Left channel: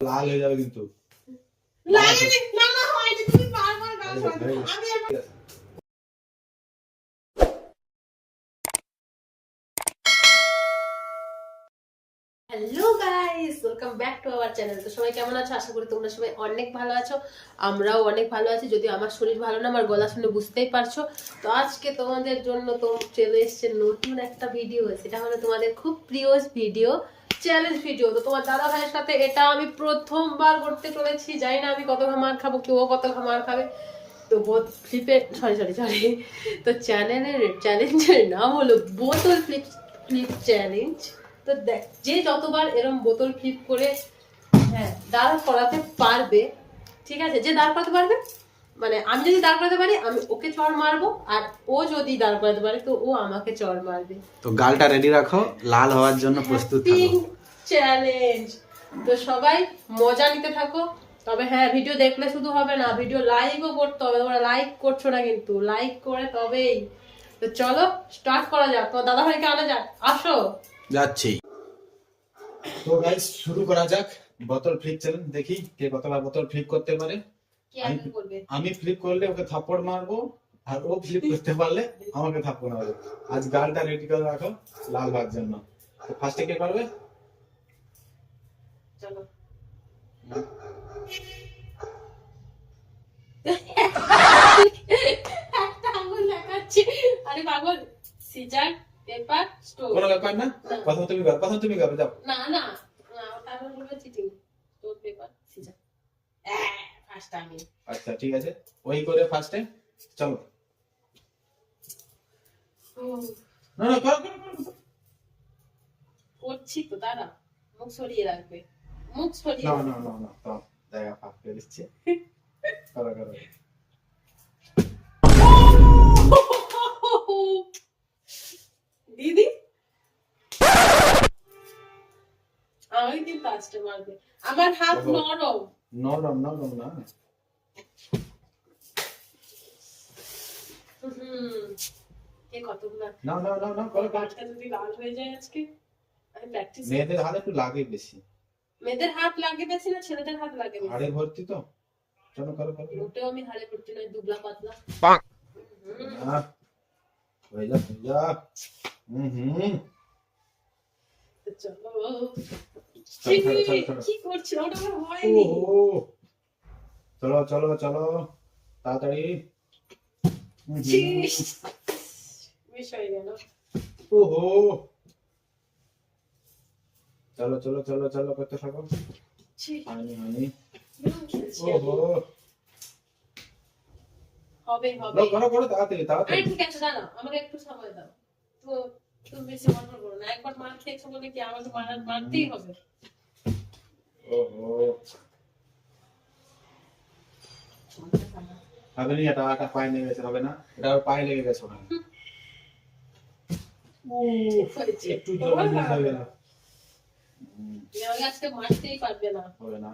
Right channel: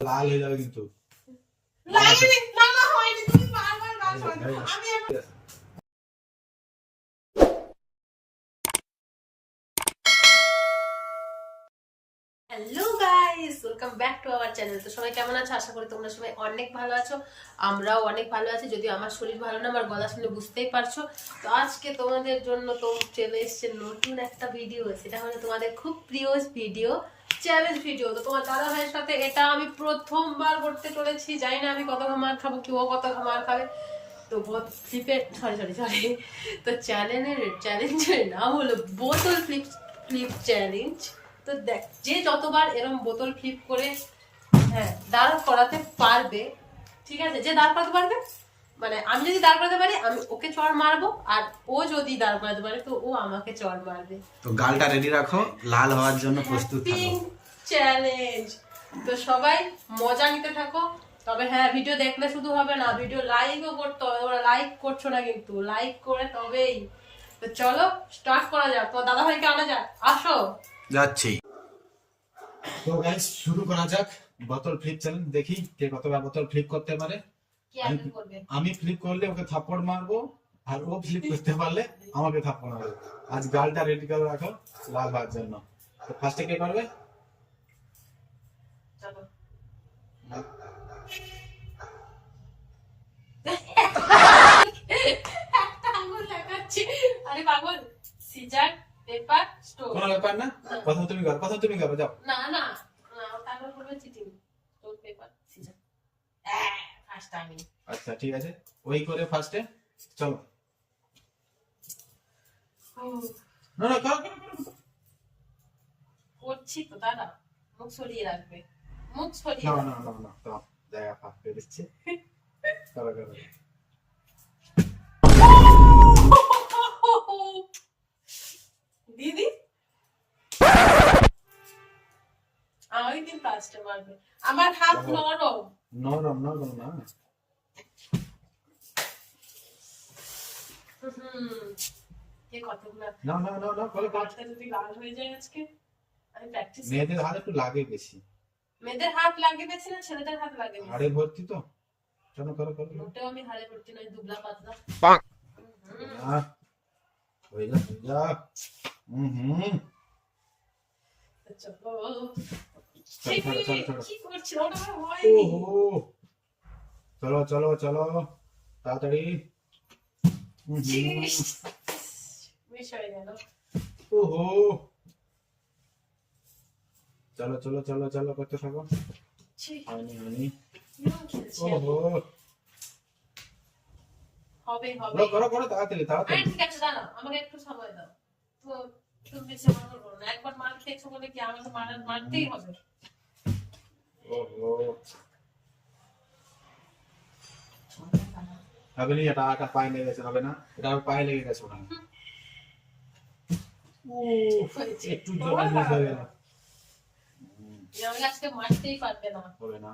লাল হয়ে যাবে কিন্তু। Hello guys, welcome back to our channel. তো সবাই কেমন আছো? আশা করি তোমরা সবাই অনেক ভালো আছো। আমরাও অনেক ভালো আছি, যদিও আমার শরীর ভালো না, আমার গলা শুনে বুঝতেই পারছো। তো আজকে তোমাদের জন্য তো চলে এসছে নতুন একটা ভিডিও। সেটা হলো তোমাদের খুব প্রিয় ভিডিও, চ্যালেঞ্জ ভিডিও। তো তোমার দাদা ভাইয়ের সাথে এটা আমি প্রথমবার করতে চলেছি। জানি না আমি কত মার খাবো, কেউ কত মার খাবে। তো সরি তো চ্যালেঞ্জের নাম হলো বোতল ফ্লিপ চ্যালেঞ্জ। তো দেখ, যে যতবার এরকম বোতল ফ্লিপ করে দাঁড় করাতে পারবে, ঠিক আছে, যে দাঁড় করাতে পারবে, মানে আমি যদি দাঁড় করাতে পারি আমি ওকে চড় মারবো, আর ও যদি দাঁড় করাতে পারে তো ও আমাকে চড় মারবে। তো গালটা রেডি রাখো, লাল হওয়ার জন্য প্রস্তুত থাকো। চ্যালেঞ্জ। তো সবাই মজা নিতে থাকো। তবে হ্যাঁ, ভিডিও দেখলে শুধু হবে না, ভিডিও লাইকও করতে হবে। তোমরা লাইক করছো না, কিন্তু লাইক করে তবেই। তো চলো স্টার্ট করা যাক। তোমার দাদা ভাইকে আনা যাক, আসো। যাচ্ছি। তো গাইস শুরু করা যাক বোতল ফ্লিপ চ্যালেঞ্জ। দেখি কে কতবার বোতল ফ্লিপ করতে পারে। আমি ফ্লিপ করলে ওকে থাপ্পড় মারবো, আর ও ফ্লিপ করতে পারলে আমাকে থাপ্পড় মারবে। আজ গালটা রেডি করে রাখো লাল হওয়ার জন্য। তো ফার্স্টে কে করবে? চলো। একটা আঙুল লাগাচ্ছি। আরে পাগল, সিজার পেপার স্টোন। কোনো ব্যাপার না, প্রথম তুমি কর, প্রথম তুমি করবে, যাও। না না না, তারপর বলবে cheating. Stone paper scissor, first time. আচ্ছা ঠিক আছে, ওই করে ফার্স্টে চলো। না না, করো করো করো। করছি তো, দাঁড়া, মুখ সরিয়ে রাখবে, মুখ সরিয়ে। না না না না, তো দেখা ফাঁক করে দিচ্ছি। করো করো। দিদি আমাকে কিন্তু আসতে মারবে, আমার হাত নরম। নরম নরম না। কতগুলো না না না না, করো করো। গাছটা যদি লাল হয়ে যায় আজকে, আমি প্র্যাকটিস। মেয়েদের হাত একটু লাগে বেশি। মেয়েদের হাত লাগে বেশি না ছেলেদের হাত লাগে বেশি? হাড়ে ভর্তি তো। চলো করো করো। মোটেও আমি হাড়ে ভর্তি নয়, দুবলা পাতলা। না, হয়ে যা হয়ে যা। তো চলো। চলো চলো চলো। কি করছি, ওটা আমার হয়নি। ওহো, চলো চলো চলো তাড়াতাড়ি। মিস হয়ে গেল। ওহো, চলো চলো চলো চলো, করতে থাকো। হয়নি হয়নি। ওহো, হবে হবে। করো করো তাড়াতাড়ি তাড়াতাড়ি। ঠিক আছে, দাঁড়াও, আমাকে একটু সময় দাও। তো তুমি বেশি মনে করো না, একবার মার খেয়েছো বলে কি আমাকে মারতেই হবে? ওহো, হবে না, এটা পায়ে লেগে গেছে, হবে না, এটা পায়ে লেগে গেছে ওখানে। একটু জোরে হবে না। আমাকে আজকে মারতেই পারবে না। হবে না।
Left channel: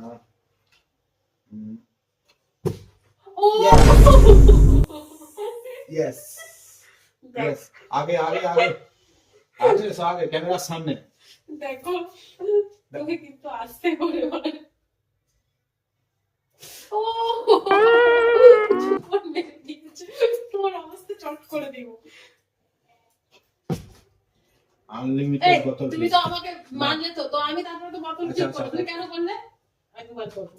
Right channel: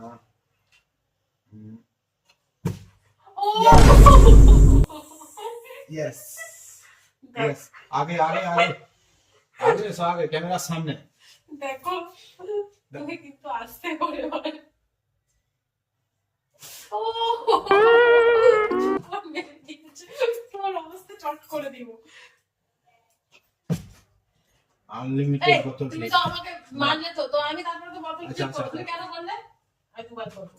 ও यस यस, आगे आगे आगे आगे सो आगे, कैमरा सामने। দেখো, তুমি কিন্তু আসতে করে বলে। ও তোমার অবস্থা চট করে দিব। আনলিমিটেড বোতল। তুমি তো আমাকে মারলে, তো আমি তারপরে তো বোতল আচ্ছা, ফ্লিপ করব। আচ্ছা। তুমি কেন করলে? আমি দুবার করব।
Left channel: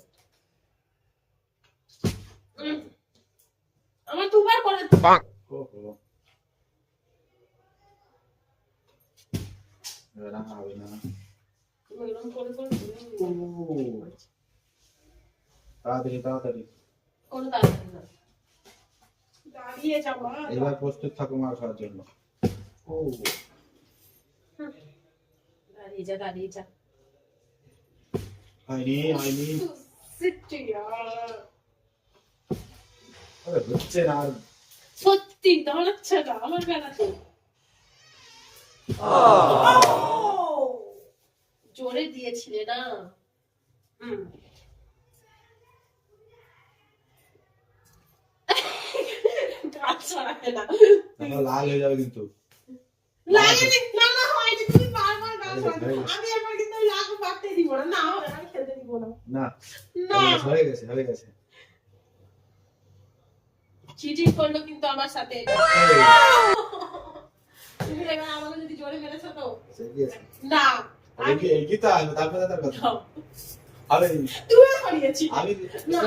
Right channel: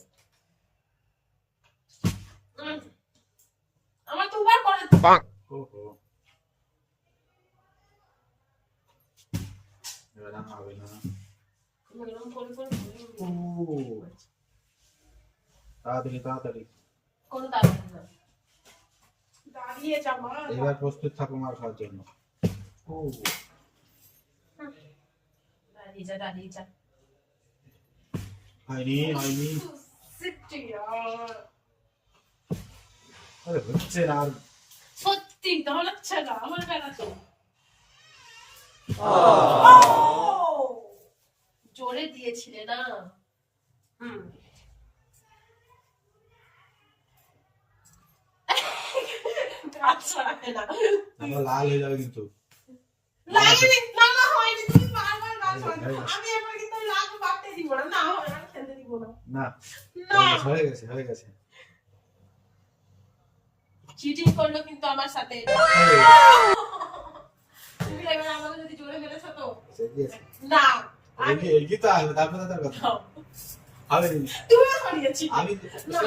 আমার দুবার করে। ওহো, হবে না হবে না। তুমি এরকম করে করে ও, তাড়াতাড়ি তাড়াতাড়ি। কোন তাড়াতাড়ি না, দাঁড়িয়ে যা মা। এবার প্রস্তুত থাকো মার খাওয়ার জন্য। ও, দাঁড়িয়ে যা দাঁড়িয়ে যা। হয়নি হয়নি। সিটি यार, আরে হচ্ছে না। সত্যি দাঁড়াচ্ছে না আমার বেলাতে। জোরে দিয়েছিলে না। লাল হয়ে যাবে কিন্তু। না না হয়নি, তুমি বারবার গাল শোনাচ্ছ। আমি একবার কিন্তু লাগ পাতে দিব না, না আমি খেলতে দিব না। না না হয়ে গেছে হয়ে গেছে চিটিং করলো কিন্তু আমার সাথে। তুমি এবার আমাকে যদি জোরে মেরেছো তো না কি তো আসবে তারপরে তার কথা আরে তুমি সরিয়েছি আমি না,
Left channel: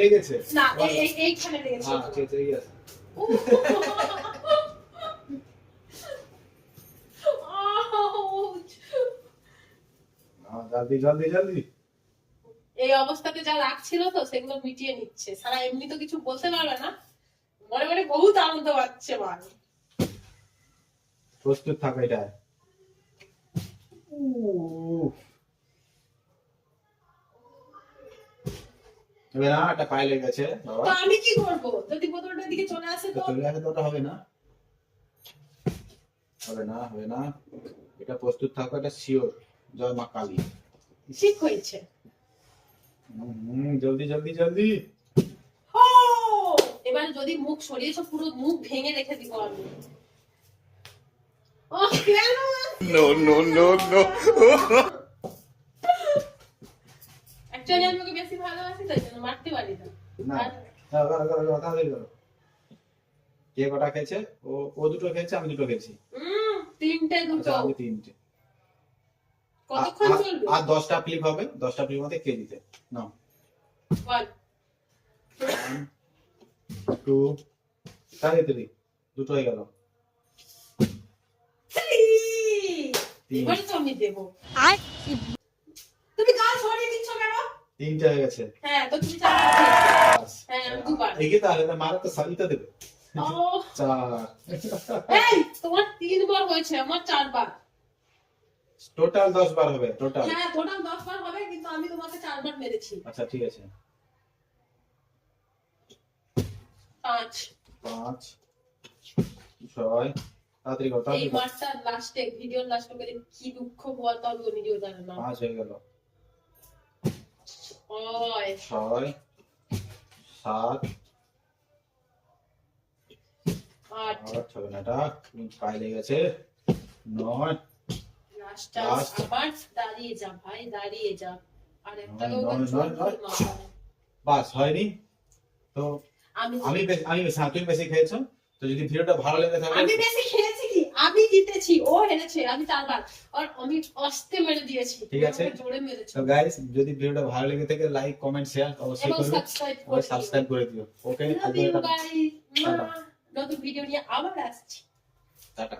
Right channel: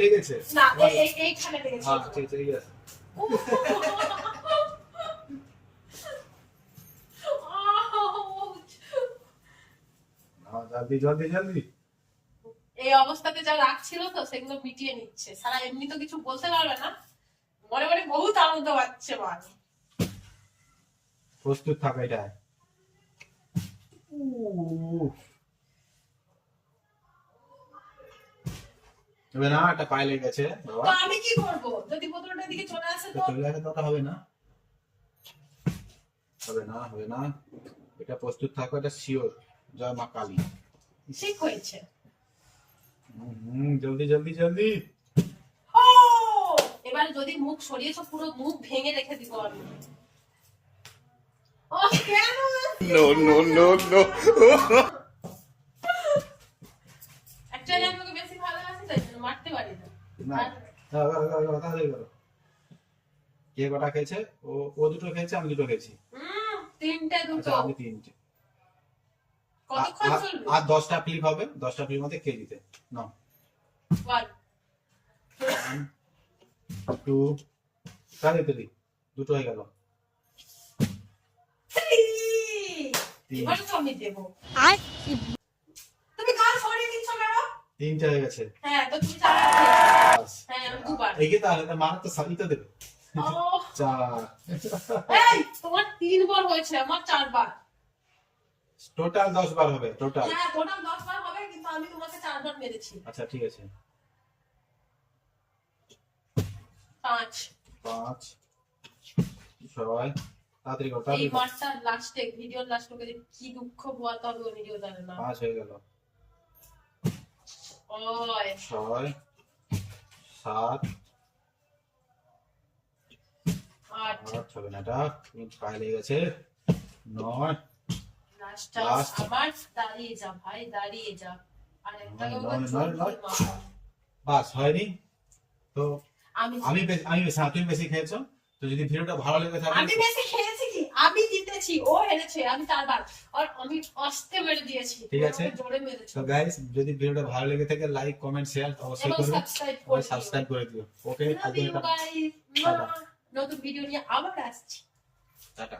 লেগেছে না এইখানে লেগেছে। হ্যাঁ ঠিক আছে জলদি জলদি জলদি এই অবস্থাতে যা রাখছিল তো সেগুলো মিটিয়ে নিচ্ছে, সারা এমনি তো কিছু বলতে পারবে না, মনে মনে বহুত আনন্দ পাচ্ছে মাল। প্রস্তুত থাকো এটা এবার না একটা পায়ে লেগে গেছে বাবা তো আমি কি করব যদি বোতলটার দিকে চলে আসে তো তো? চলে আসে তো ওটা হবে না হবে না হবে না এটা প্রস্তুত থাকো এটা শিওর জয় মা কালী ঠিক হয়েছে। জলদি জলদি জলদি ও এবার যদি মুখ সরিয়েছো পুরো মুখ ভেঙে রেখে দিব আমি। ও কেন no অ্যাকচুয়ালি আমি ওকে বেশি ভালোবাসি তাই জন্য মারতে পারি না। না আর তাড়াতাড়ি করো কে কটা খেয়েছে ও দুটো খেয়েছে আমি দুটো খেয়েছি তিনটে দুটো আচ্ছা আমি তিনটে কতক্ষণ চলবে? আর 10টা ক্লিপ হবে 10টা ক্লিপ মধ্যে কে দিতে নাও 1 2 3 দুটো হয়ে গেল 3 এবার তো আমি দেবো। তুমি কাজ সরিয়ে দিচ্ছ কেন? তিনটে হয়ে গেছে হ্যাঁ তো তুমি চারবার। হ্যাঁ আমি দুবার। এগিয়ে তাহলে মারা তো সাবিতা দেবে ও 4 এই তোমার 3 বার হয়েছে আমার 4 বার। টোটাল 10 বার হবে টোটাল হ্যাঁ টোটাল 10 বার হবে কিন্তু আমি তোমাকে 4 বার মেরেছি। আচ্ছা ঠিক আছে 5 5 6 তাড়াতাড়ি করো এই তাড়াতাড়ি করো। মারটা লাস্টে ভিডিওর লাস্টে করে কি দুঃখ পোয়াতে হবে ও নিজেও জানে না। 5 হয়ে গেল ওই 6 7 আট 8 চলো না এটা পায়ে লেগে গেছে 9 লাস্ট টাইম Last. আবার দাঁড়িয়ে যা ভাই দাঁড়িয়ে যা। আর একটা নয়। বাস হয়নি তো আমি আমি বেশি হ্যাঁ তুমি বেশি খেয়েছো তো যদি ভিডিওটা ভালো লেগে থাকে আমি বেশি খেয়েছি কি আমি জিতেছি ও হেরেছে আমি 4 বার আর আমি আস্তে মেরে দিয়েছি ঠিক আছে। আমাকে জোরে মেরেছে তো গাইস যদি ভিডিওটা ভালো লেগে থাকে লাইক কমেন্ট শেয়ার অবশ্যই এবং করবে সাবস্ক্রাইব করে দিও। সাবস্ক্রাইব করে দিও ওকে Love you guys. টাটা। নতুন ভিডিও নিয়ে আবার আসছি। টাটা